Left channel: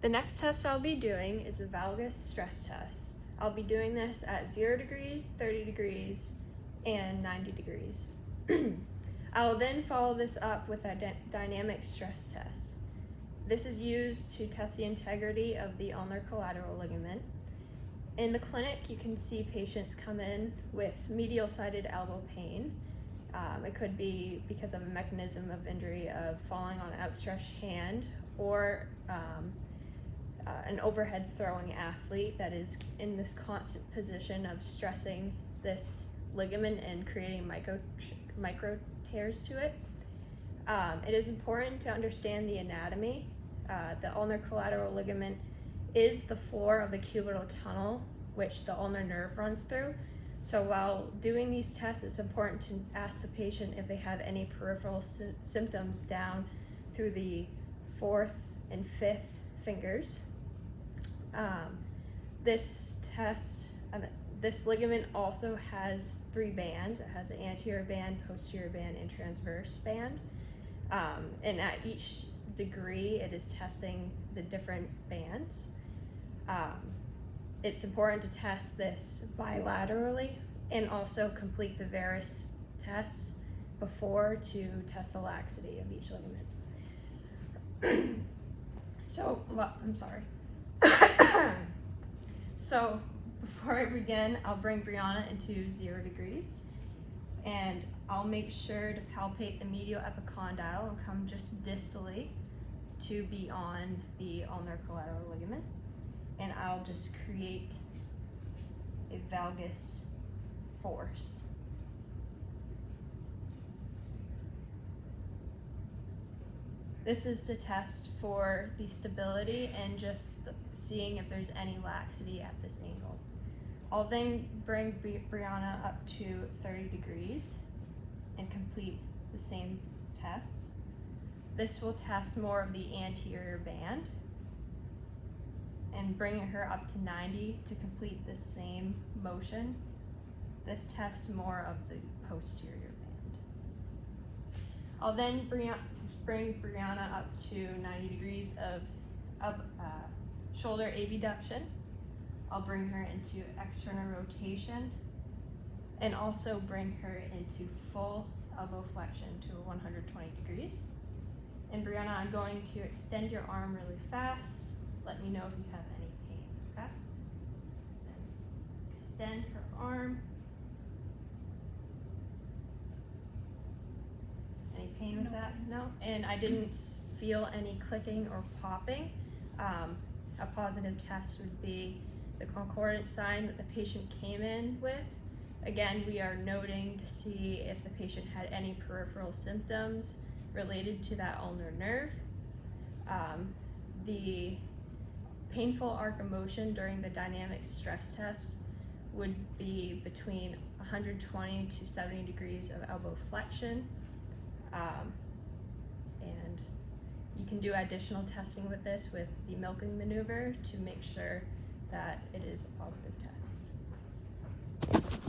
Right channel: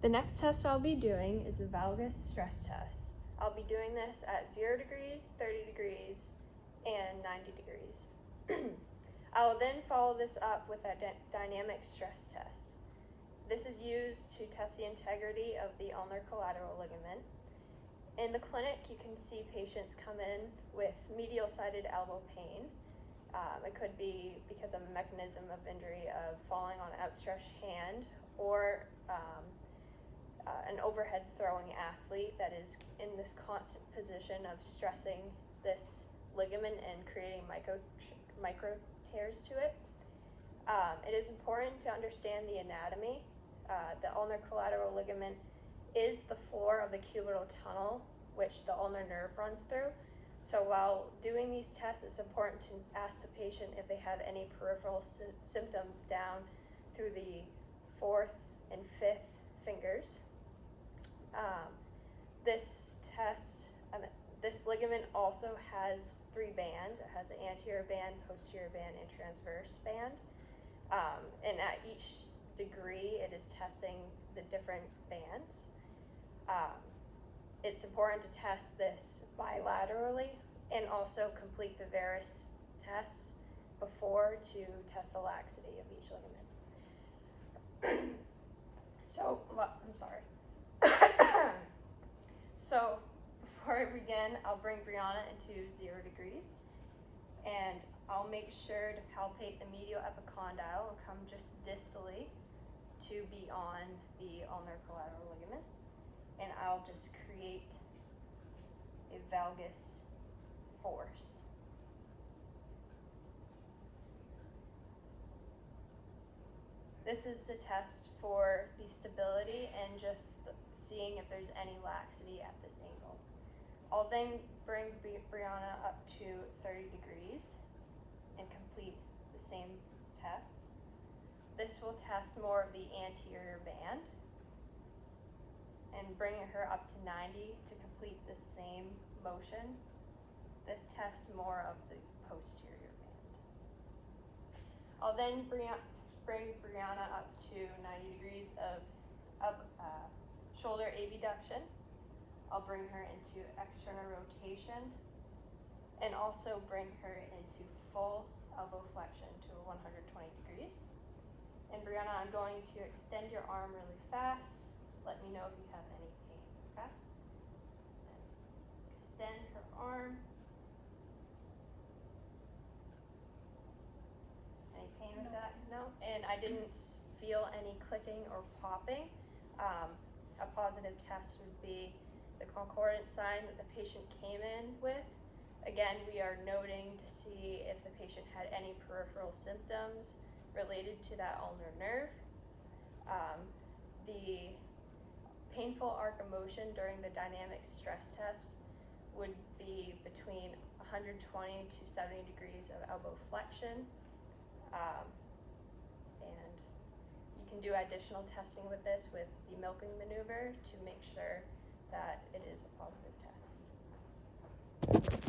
The next test I'll be doing is the Valgus stress test. I'll be doing this at 0 degrees, 30 degrees, and 90 degrees. I will then follow this up with a dynamic stress test. This is used to test the integrity of the ulnar collateral ligament. In the clinic, you can see patients come in with medial-sided elbow pain. It could be because of a mechanism of injury of falling on an outstretched hand, or an overhead throwing athlete that is in this constant position of stressing this ligament and creating micro tears to it. It is important to understand the anatomy. The ulnar collateral ligament is the floor of the cubital tunnel, which the ulnar nerve runs through. So while doing these tests, it's important to ask the patient if they have any peripheral symptoms down through the 4th and 5th fingers. This ligament also has 3 bands. It has an anterior band, posterior band, and transverse band. And at each degree, it is testing the different bands. It's important to test this bilaterally and also complete the varus tests before to test the laxity of each ligament. So before I begin, I'll bring Brianna into 0 degrees, and I'll make sure to palpate the medial epicondyle and come just distally to be on the ulnar collateral ligament. And I'll just create a valgus force. This is to test for the stability and just seeing if there's any laxity at this angle. I'll then bring Brianna up to 30 degrees and complete the same test. This will test more of the anterior band, and bringing her up to 90 to complete the same motion. This tests more of the posterior band. I'll then bring Brianna up to 90 degrees of shoulder abduction. I'll bring her into external rotation and also bring her into full elbow flexion to 120 degrees. And Brianna, I'm going to extend your arm really fast. Let me know if you have any pain, okay? And extend her arm. Any pain with that? No? And I didn't feel any clicking or popping. A positive test would be the concordant sign that the patient came in with. Again, we are noting to see if the patient had any peripheral symptoms related to that ulnar nerve. The painful arc of motion during the dynamic stress test would be between 120 to 70 degrees of elbow flexion. And you can do additional testing with this with the milking maneuver to make sure that it is a positive test.